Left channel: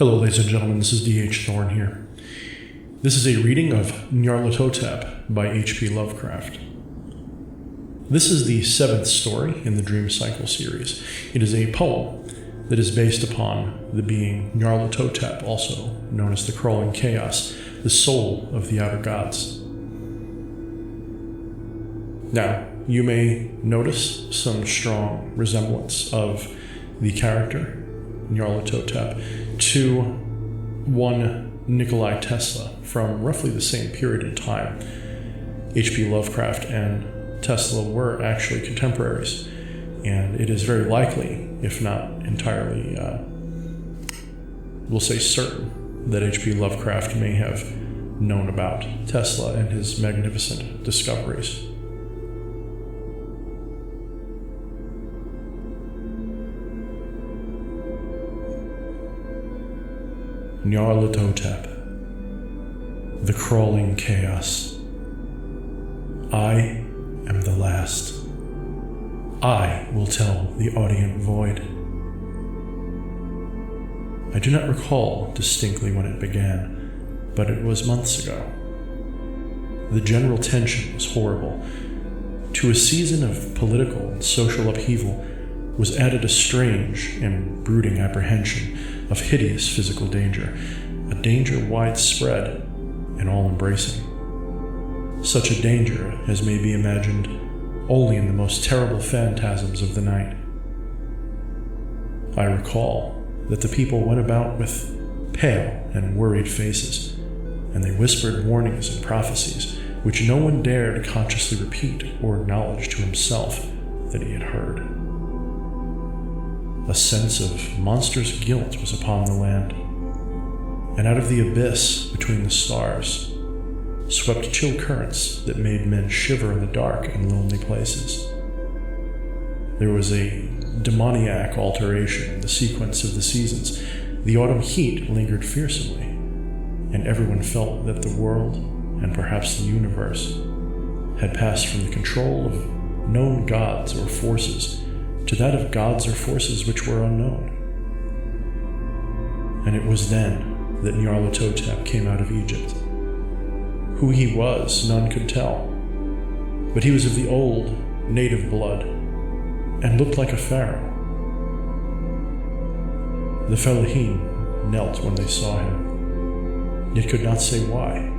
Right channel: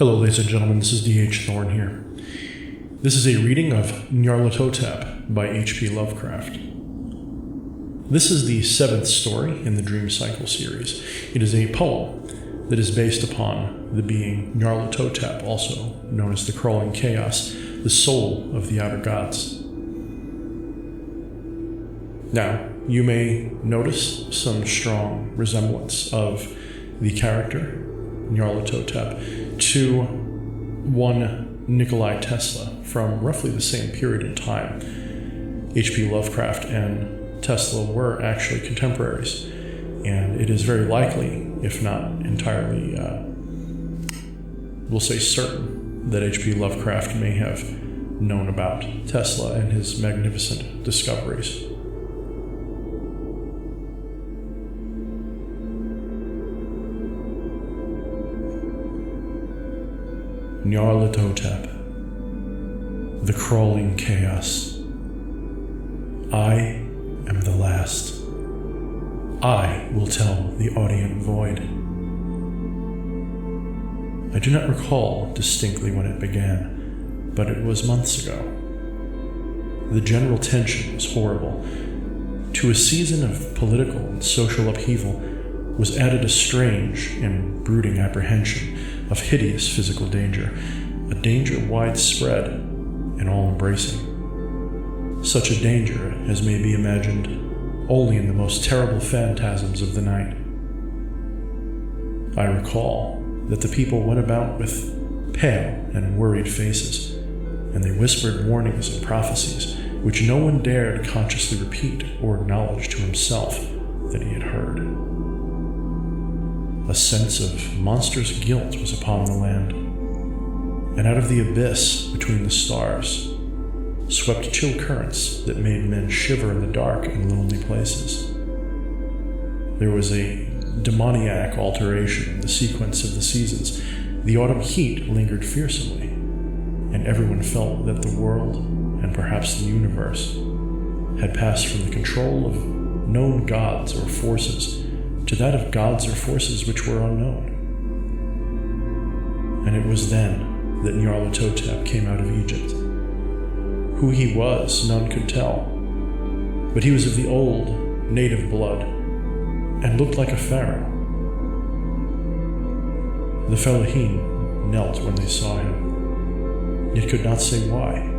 Hello, ladies and gentlemen, this is D.H. Thorne here. This is a reading of Nyarlathotep by H.P. Lovecraft. This is the 7th story in the Dream Cycle series. It is a poem that is based upon the being Nyarlathotep, also known as the Crawling Chaos, the soul of the outer gods. Now, you may notice some strong resemblance of the character Nyarlathotep to one Nikola Tesla from roughly the same period in time. H.P. Lovecraft and Tesla were actually contemporaries, and it is very likely, if not entirely, we'll say certain, that H.P. Lovecraft may have known about Tesla and his magnificent discoveries. Nyarlathotep, the Crawling Chaos. I am the last. I will tell the audient void. I do not recall distinctly when it began, but it was months ago. The general tension was horrible. To a season of political and social upheaval was added a strange and brooding apprehension of hideous physical danger, a danger widespread and all-embracing. Such a danger as may be imagined only in the most terrible phantasms of the night. I recall that the people went about with pale and worried faces, and they whispered warnings and prophecies which no one dared consciously repeat or acknowledge to himself that he had heard. A sense of monstrous guilt was upon the land, and out of the abyss between the stars swept chill currents that made men shiver in the dark and lonely places. There was a demoniac alteration in the sequence of the seasons. The autumn heat lingered fearsomely, and everyone felt that the world, and perhaps the universe, had passed from the control of known gods or forces to that of gods or forces which were unknown. And it was then that Nyarlathotep came out of Egypt. Who he was, none could tell, but he was of the old, native blood, and looked like a pharaoh. The Fellahin knelt when they saw him, yet could not say why.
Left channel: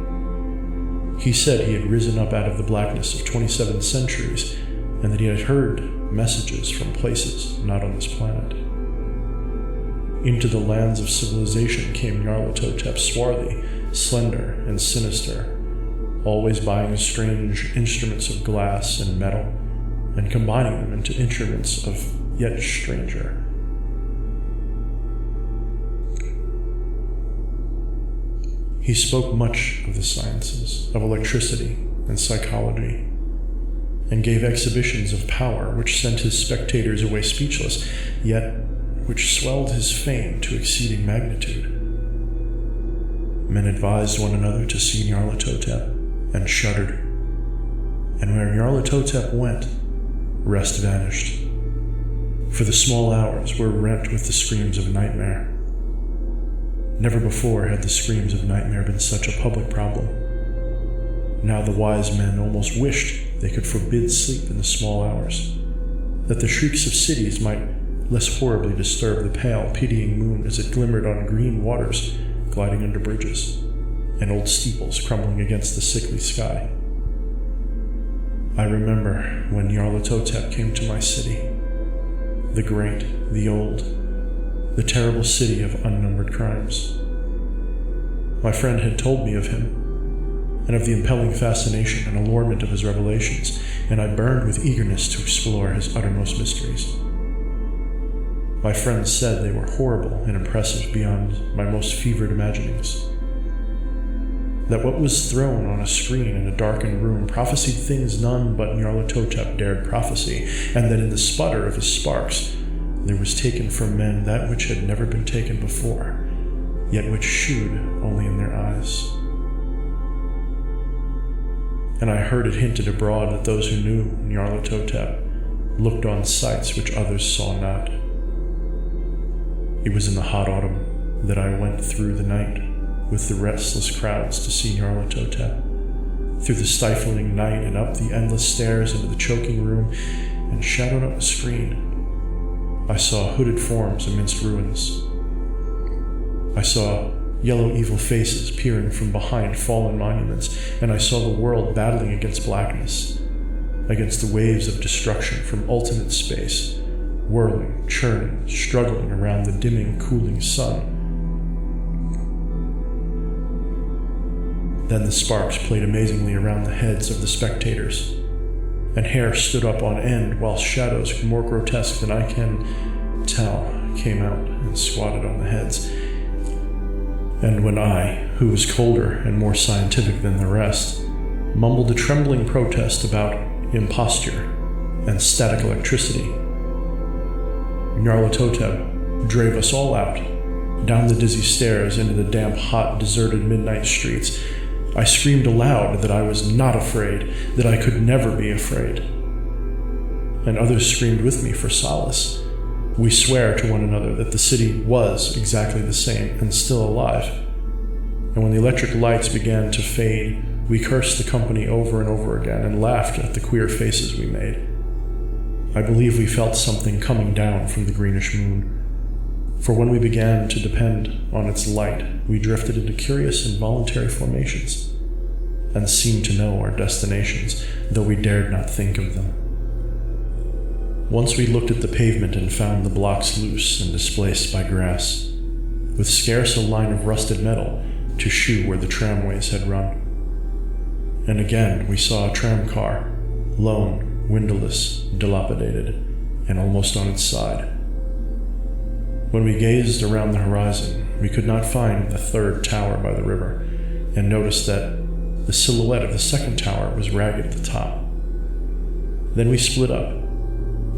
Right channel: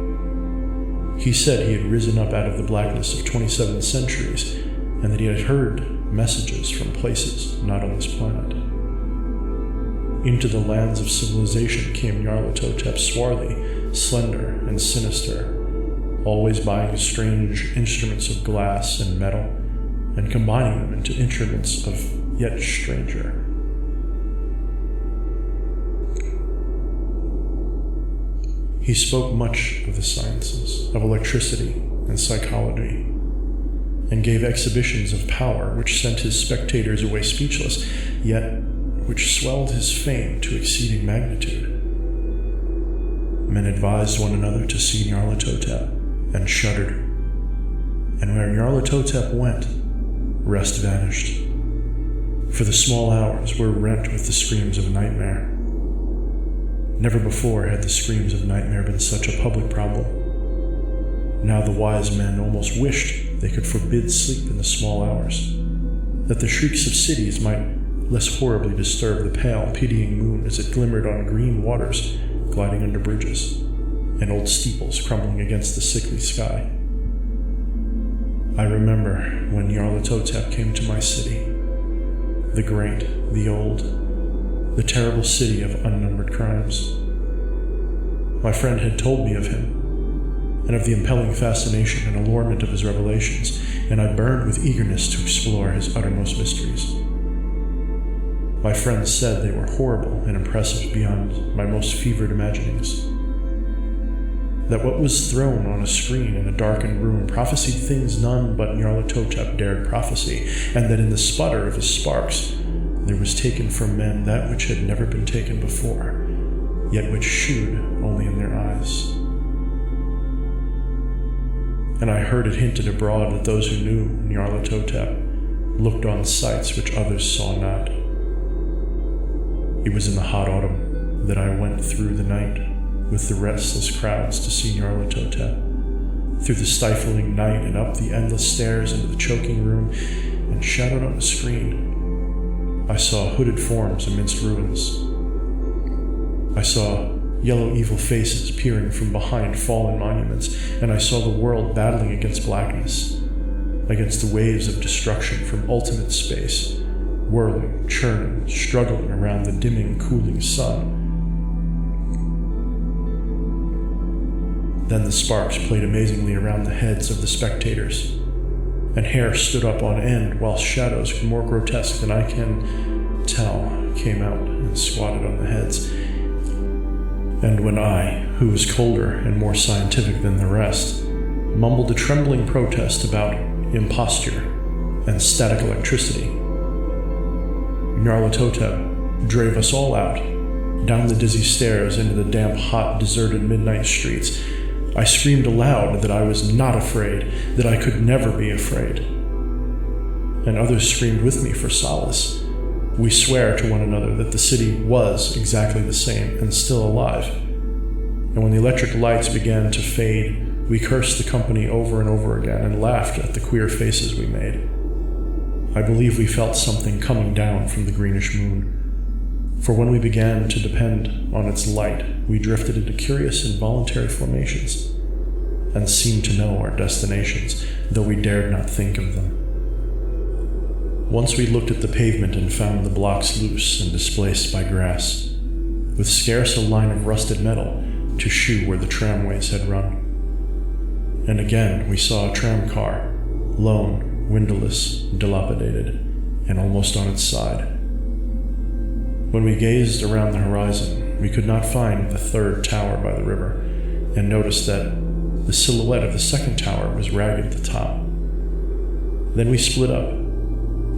He said he had risen up out of the blackness of 27 centuries, and that he had heard messages from places not on this planet. Into the lands of civilization came Nyarlathotep, swarthy, slender, and sinister, always buying strange instruments of glass and metal, and combining them into instruments of yet stranger. He spoke much of the sciences, of electricity and psychology, and gave exhibitions of power which sent his spectators away speechless, yet which swelled his fame to exceeding magnitude. Men advised one another to see Nyarlathotep, and shuddered. And where Nyarlathotep went, rest vanished, for the small hours were rent with the screams of nightmare. Never before had the screams of nightmare been such a public problem. Now the wise men almost wished they could forbid sleep in the small hours, that the shrieks of cities might less horribly disturb the pale, pitying moon as it glimmered on green waters gliding under bridges, and old steeples crumbling against the sickly sky. I remember when Nyarlathotep came to my city, the great, the old, the terrible city of unnumbered crimes. My friend had told me of him, and of the impelling fascination and allurement of his revelations, and I burned with eagerness to explore his uttermost mysteries. My friends said they were horrible and impressive beyond my most fevered imaginings. That what was thrown on a screen in a darkened room prophesied things none but Nyarlathotep dared prophesy, and that in the sputter of his sparks there was taken from men that which had never been taken before, yet which shewed only in their eyes. And I heard it hinted abroad that those who knew Nyarlathotep looked on sights which others saw not. It was in the hot autumn, that I went through the night with the restless crowds to see Nyarlathotep, through the stifling night and up the endless stairs into the choking room, and shadowed on the screen, I saw hooded forms amidst ruins. I saw yellow evil faces peering from behind fallen monuments, and I saw the world battling against blackness, against the waves of destruction from ultimate space, whirling, churning, struggling around the dimming, cooling sun. Then the sparks played amazingly around the heads of the spectators, and hair stood up on end while shadows more grotesque than I can tell came out and squatted on the heads. And when I, who was colder and more scientific than the rest, mumbled a trembling protest about imposture and static electricity, Nyarlathotep drave us all out, down the dizzy stairs into the damp, hot, deserted midnight streets. I screamed aloud that I was not afraid, that I could never be afraid. And others screamed with me for solace. We swear to one another that the city was exactly the same and still alive. And when the electric lights began to fade, we cursed the company over and over again and laughed at the queer faces we made. I believe we felt something coming down from the greenish moon, for when we began to depend on its light, we drifted into curious involuntary formations and seemed to know our destinations, though we dared not think of them. Once we looked at the pavement and found the blocks loose and displaced by grass, with scarce a line of rusted metal to shew where the tramways had run. And again we saw a tram car, lone, windowless, dilapidated, and almost on its side. When we gazed around the horizon, we could not find the third tower by the river, and noticed that the silhouette of the second tower was ragged at the top. Then we split up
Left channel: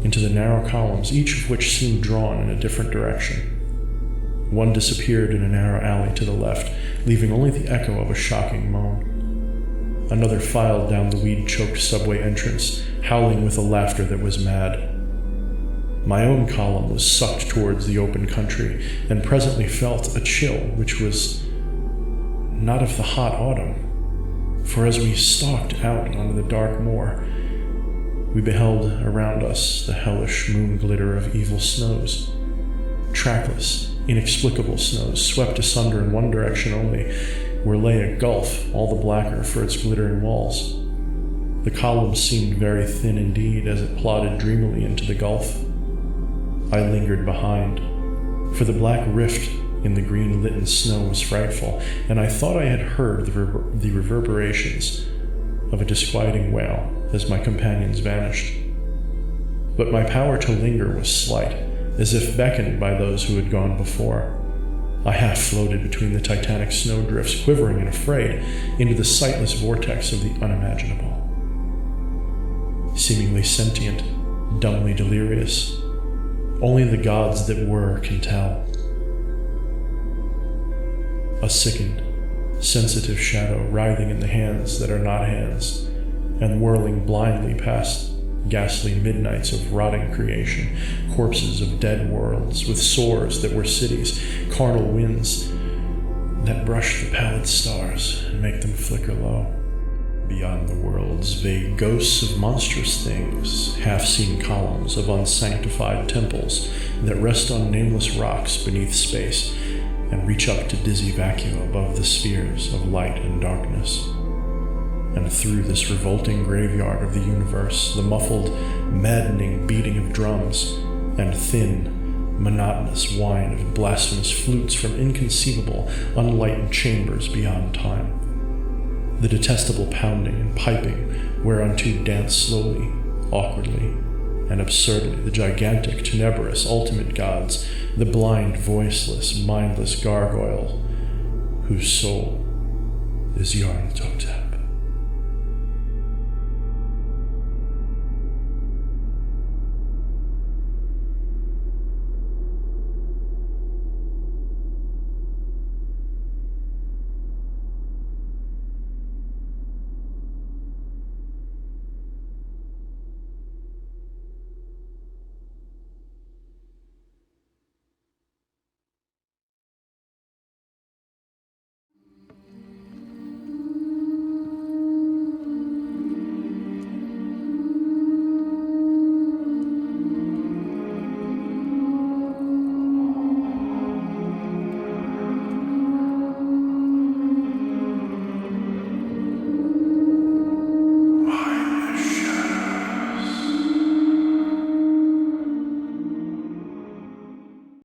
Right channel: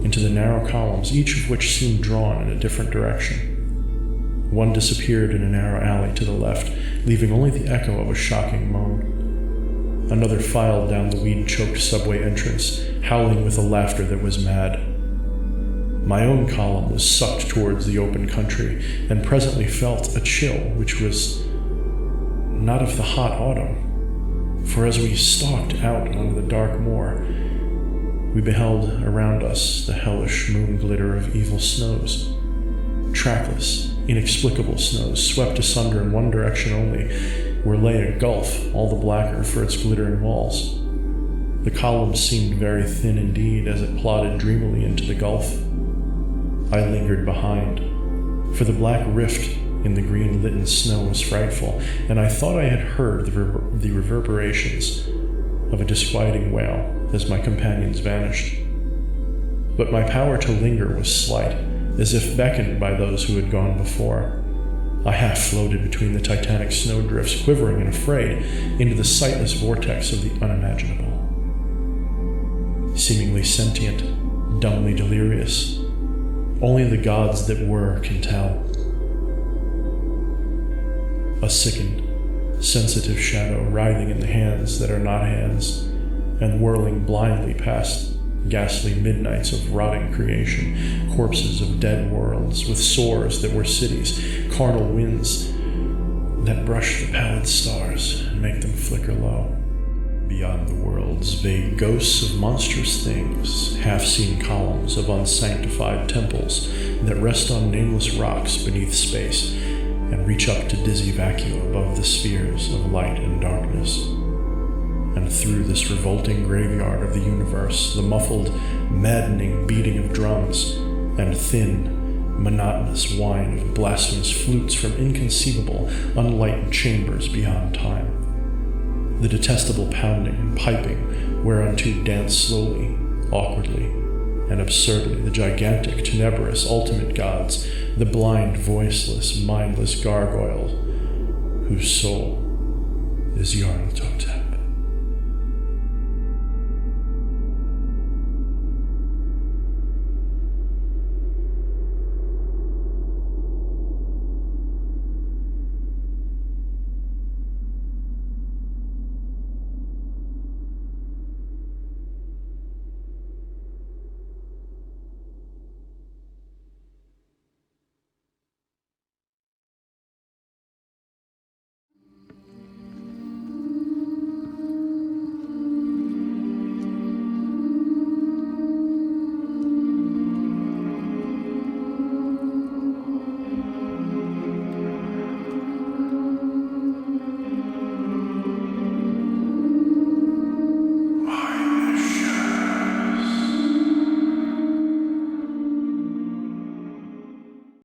into the narrow columns, each of which seemed drawn in a different direction. One disappeared in a narrow alley to the left, leaving only the echo of a shocking moan. Another filed down the weed-choked subway entrance, howling with a laughter that was mad. My own column was sucked towards the open country, and presently felt a chill which was not of the hot autumn, for as we stalked out onto the dark moor, we beheld around us the hellish moon glitter of evil snows, trackless, inexplicable snows swept asunder in one direction only, where lay a gulf all the blacker for its glittering walls. The column seemed very thin indeed as it plodded dreamily into the gulf. I lingered behind, for the black rift in the green-litten snow was frightful, and I thought I had heard the reverberations of a disquieting wail as my companions vanished. But my power to linger was slight, as if beckoned by those who had gone before. I half floated between the titanic snowdrifts, quivering and afraid, into the sightless vortex of the unimaginable. Seemingly sentient, dumbly delirious, only the gods that were can tell. A sickened, sensitive shadow writhing in the hands that are not hands, and whirling blindly past ghastly midnights of rotting creation, corpses of dead worlds with sores that were cities, carnal winds that brush the pallid stars and make them flicker low. Beyond the worlds, vague ghosts of monstrous things, half-seen columns of unsanctified temples that rest on nameless rocks beneath space and reach up to dizzy vacuum above the spheres of light and darkness. And through this revolting graveyard of the universe, the muffled, maddening beating of drums and thin, monotonous whine of blasphemous flutes from inconceivable, unlighted chambers beyond time. The detestable pounding and piping whereunto dance slowly, awkwardly, and absurdly the gigantic, tenebrous, ultimate gods, the blind, voiceless, mindless gargoyle whose soul is Nyarlathotep.